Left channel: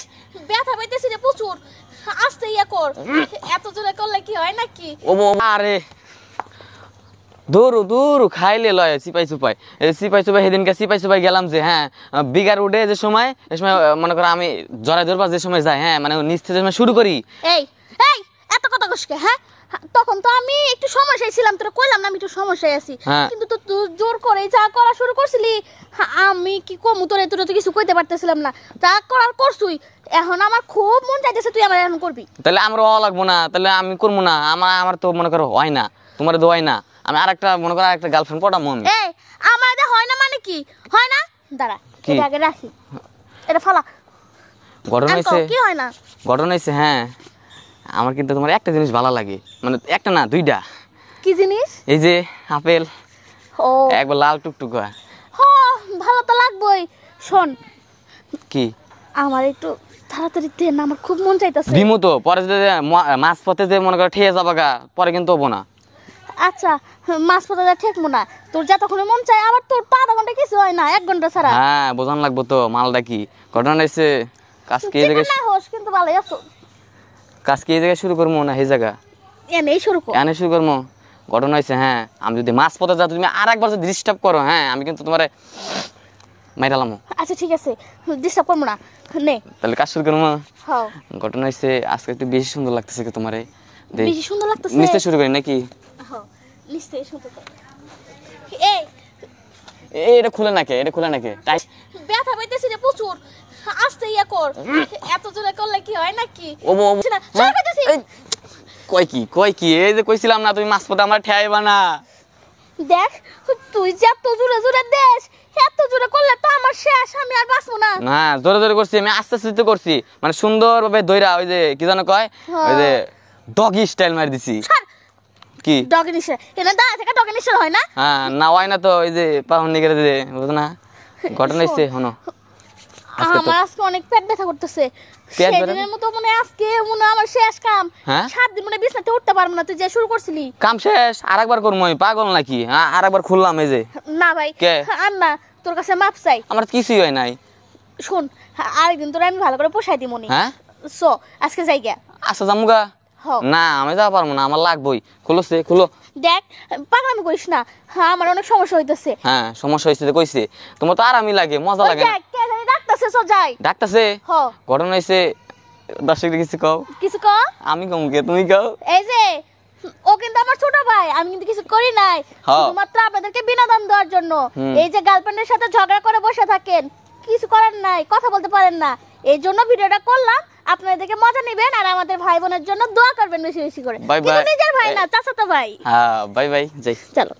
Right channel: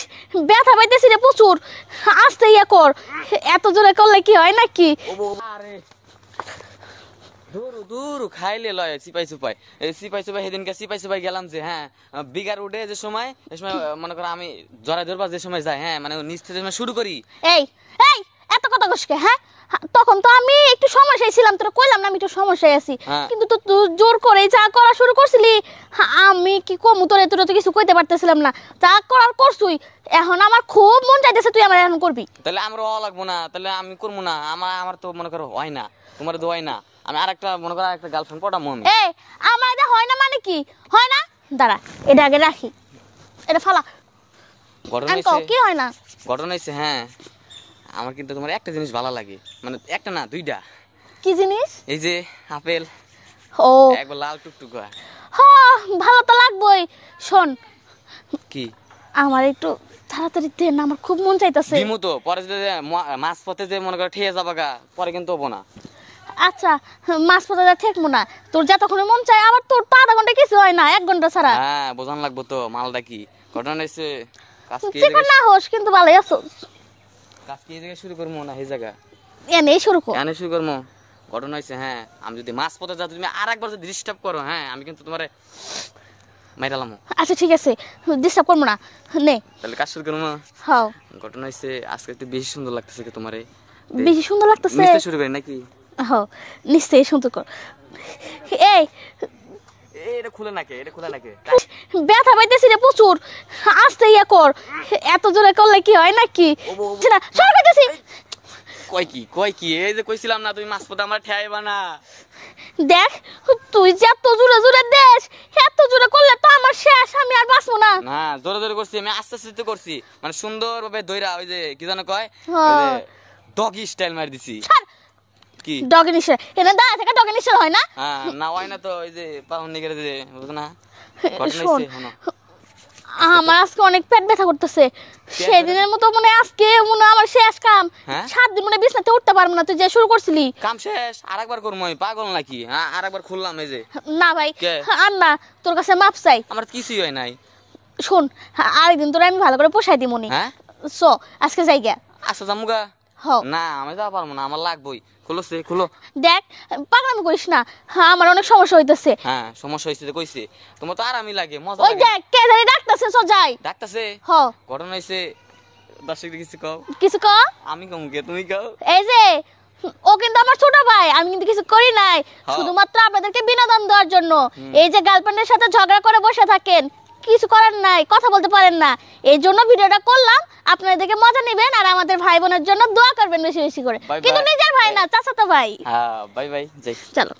ব্যথা পাইতেছি রে প্রচুর, আস্তে ইয়ে কর, এত জোরে করলে কি হয় নাকি? আরে দৌড়ু দৌড়ু খাইলে লয় সিপাই সুপাই, এই সিপাই সুপাই সেদিনকে সিপাই সুপাই গেলাম যে, হ্যাঁ বিগার উঠে যে সময়, এই সময় মনে করো আমি জড়াই ধরবার যে সময় যাই, হ্যাঁ মানে নিচ থেকে শুরু করি। এই এই এত কথা কসকে, হ্যাঁ তখন তো আমি একটু সমস্যায় ছিলাম, তোর কইলাম না আমি একটু সমস্যায় আছি, কিন্তু তো তুই জোর করে যা করা শুরু করছিলি, আমি কি কমু তোরে, তোরা তো কিছু কইতে পারতেছিলাম না, যা করার করছুই। এখন আমার খুব মন চাইতেছে তুই আমার এখন করবি। তাহলে আমার ও লাগবো না, তাহলে আমি করবো না, আমার তো মনে করো হয় না, তোমার তো হয় না, আমি আরেকটা মনে করো আরেকটা গার্লফ্রেন্ড পটাবো আমি। এ আমার হয় না মানে কি হয় না? দাঁড়া এটা আগে রাখি, এটা ফেলা। ঘটনা হইছে কি হয় না? ঘটনা হইছে, হ্যাঁ আমার কিন্তু তোমার একটা জিনিস ভালো লাগে, মানে একটা না দুইটা। কি জিনিস? এই যে আপেল, ও একবার লাল টুকটুক। হ্যাঁ ভালো তো লাগবেই। শোন কি আমার একটু তাড়াতাড়ি দে না, আমার খুব মন চাইতেছে। দিমু তো পরে যে মাছ পথে যে মনে করো ঠেয়ে যাবা গা, পরে কিন্তু হবো না। আচ্ছা মাছ পথে ঠেকবো না, তোর যতক্ষণে মন চায়, আবার তোর তো আধা ঘন্টা কিছু হয় না, 1 ঘন্টা ছাড়া। হ্যাঁ বোঝান লাগবো তো মালটা কি। ঘটনা হইছে কাজকে এই যেমন জায়গায়, না হোস কিন্তু ভালোই আছো। কাজকে এই জায়গায় শুরু করবো না, এই জায়গা এনেই শুরু কর। এনে শুরু করবো। ঘটনা হয়েছে, হ্যাঁ আমি যদি মাছ পথে যাও, তুমি আর একবার যদি ডিস্টার্ব করো, হ্যাঁ আমি কিন্তু তোমার মাইরালাম। আচ্ছা ঠিক আছে, ডিস্টার্ব করবো না, নে তাহলে কাজ শুরু করবো। হ্যাঁ ঘটনা হয়েছে আজকে একটু বেশি সুন্দর লাগতেছে কি তোমারে, বেশি সুন্দর লাগতেছে। নিশ্চয় শুরু করি নাকি? হ্যাঁ নিশ্চয়ই সুন্দর কর। এই এটা খুলে নাকি, এটা খুলে নাকি? ব্যথা পাইতেছি রে প্রচুর, আস্তে ইয়ে কর, এত জোরে করলে কি হয় নাকি? কয় কি এই যে কইছিলাম না তুমি মাছ পথে আমার ঠেয়াইবা না। দেখ তুই যে এত জোরে জোরে দেশ, এত জোরে করলে তো আমার শেষ, আমি আর বাঁচবো না। না জোরে জোরে করছি আমি, আস্তে আস্তে করছি, মানে সুন্দর ভাবে দইরা, ওই যে কি জানো কয়, ওই যে ডগি স্টাইল মার দিছি। কি ডগি নিশা? এনা দা থেকে ডগি নিশা হয় না? হ্যাঁ না হয় না তো, ওই যে পাহন নিগেরে দে, বুঝ না? ঘটনা হইছে হনো, আমার আজকে অনেক পেট ব্যথা করতেছে, সেদিনের মতো মনে আজকে মনে আমার শেষ কাম। 7 দিন মনে বিছনাতে উঠতে পারবো না, তুই যে শুরু করছিলি। কাম শেষ, আরেকবার করবো আমি, পাগল নাকি? আরেকবার খুললাম এই যে। না ভাই আর না, তোর কাছে মাপ চাই। আমার কিছুই হয় নাই। শুন আরেকদিন তোর আমি ভালো করে পোষাই দিই মনি। হ্যাঁ সো আজকে যাই গা। আচ্ছা জামুগা। না আমি যাওয়া পারবো না, আমার লাগবেই। খুলো খুলো। দেখ পাগলামি করিস না, হ্যাঁ আমার অনেক সমস্যা হইতেছে। হ্যাঁ সমস্যা হইছে কইছে, তোমার তো আরামই লাগে, মজা লাগে। দেখ কে জানি ডাকতেছে, সো যাই। ডাকতেছে? হ্যাঁ ঘটনা হইছে, দর্শকদের কিছু কও। কিছু কও? আমি কম কে, তুমি কও। এই যে ও কিন্তু আমার ছোট ভাই, আমি কিন্তু কিছু করি নাই, শুধুমাত্র আপনাদেরকে বিনোদন দেওয়ার জন্য। এই যে গার্লফ্রেন্ডের সাথে ঝগড়া করে বসে থাকেন, কিছু করার নাই, কথা বলতে পারেন না, এই জন্য ভিডিওটা করলাম। আপনারা দেখে মজা নেবেন, আর আমাদের ভাই বোনের জন্য দোয়া করবেন বেশি বেশি করে, কিন্তু নিজের ভাই না, চাচাতো ভাই। হ্যাঁ বাই বাই, যাই। চলো।